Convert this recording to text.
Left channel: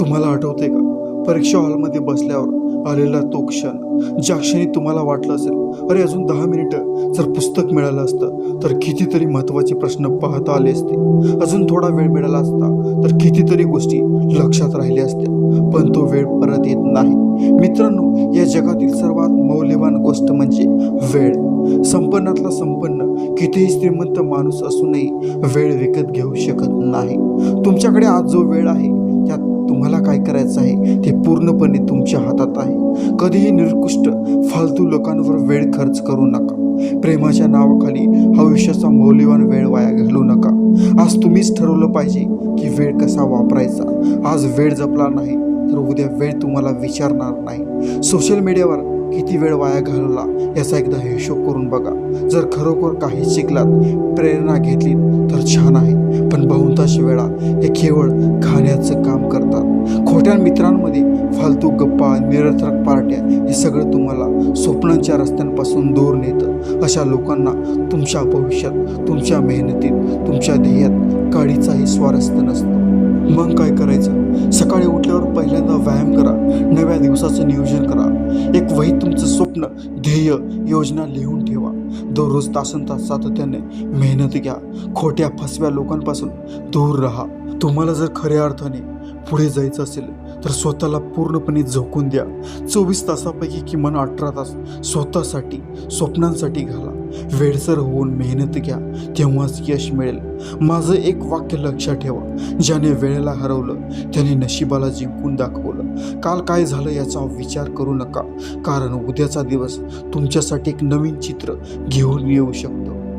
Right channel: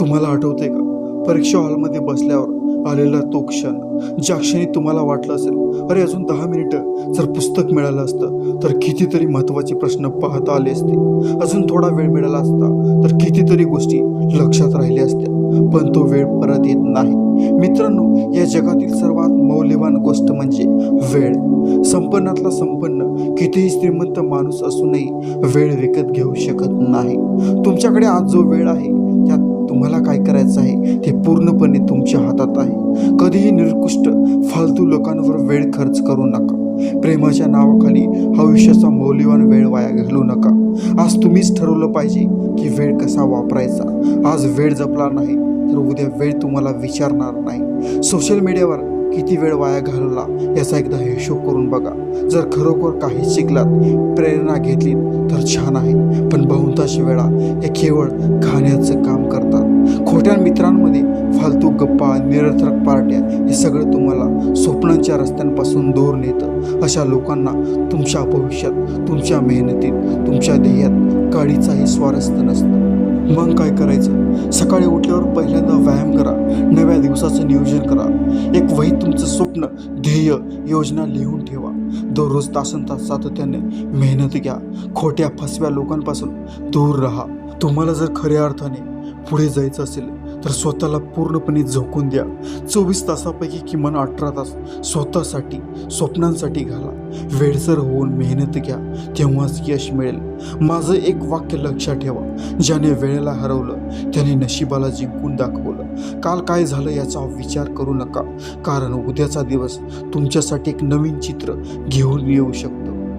तुम्हाला आठवते का? परीक्षा हॉलमध्ये बसल्यावर आलेला तो क्षण ज्या क्षणी तुम्हाला वाटलं असेल अरे अजून दहा मिनिटं जर पुस्तक मिळालं असतं तर कितीतरी महत्त्वाचे प्रश्न पाहता आले असते. अजून थोडा वेळ मिळाला असता तर कितीतरी गोष्टी लक्षात राहिल्या असत्या. पण तो वेळ परत येत नाही. मित्रांनो या जगातील सर्वात मौल्यवान गोष्ट म्हणजे वेळ. संपन्नातला संपन्न कितीही श्रीमंत माणूस असूनही वेळ विकत घेऊ शकत नाही. तुमच्याकडे आज जो वेळ आहे त्यात तुम्हाला काय करायचं आहे? ते पूर्णपणे तुमच्या हातात आहे. कधीही निरकुष्ट फालतू लोकांवर वेळ खर्च करू नका. प्रेमाच्या नावाखाली आयुष्याचा मौल्यवान वेळ वाया घालू नका. आज तुम्हीच ठरवलं पाहिजे की वेळ कसा वापरायचा. आज वेळ जपला नाही तर उद्या वेळ तुम्हाला विचारणार नाही. सोशल मीडियावर किती वेळ वाया घालवला याचा एकदा हिशोब करून बघा. जर खरोखर काही शिकलात प्रेरणा घेतलीत तर छान आहे. पण बहुतांश वेळा हे केवळ खाण्याचं काम करतात. खोट्या मित्रांमध्ये फालतू गप्पा निरर्थक पार्ट्या हे सगळं तुम्हाला स्वप्नांच्या रस्त्यांपासून दूर नेतं. अशा लोकांना तुमच्या भविष्यात तुमच्या मेहनतीत तुमच्या ध्येयात काडीचाही स्वारस्य नसतं. मग काय करायचं? सकाळी उठल्यावर पहिल्यांदा व्यायाम करा. नव्या दिवसाचं नियोजन करा. एक वहीत तुमचं स्वप्न ध्येय योजना लिहून ठेवा. दररोज तासन तास सातत्याने मेहनत घ्या. खोट्या फसव्या लोकांपासून दूर राहा. तुम्हाला जर खऱ्या अर्थाने पुढे जायचं असेल तर स्वतःला पूर्णपणे झोकून द्या. चोवीस तासापैकी किमान अठरा तास स्वतःसाठी स्वप्नांसाठी घाला. वेळसर होऊन मेहनत घ्या तेव्हाच यश मिळेल. माझं एक वाक्य लक्षात ठेवा. ज्याने वेळेला हरवलं त्याने नशिबाला जिंकून दाखवलं. काल काय झालं याचा विचार करू नका. कारण उद्याचा दिवस तुमच्यासाठी एक नवीन चित्र घेऊन येऊ शकतं.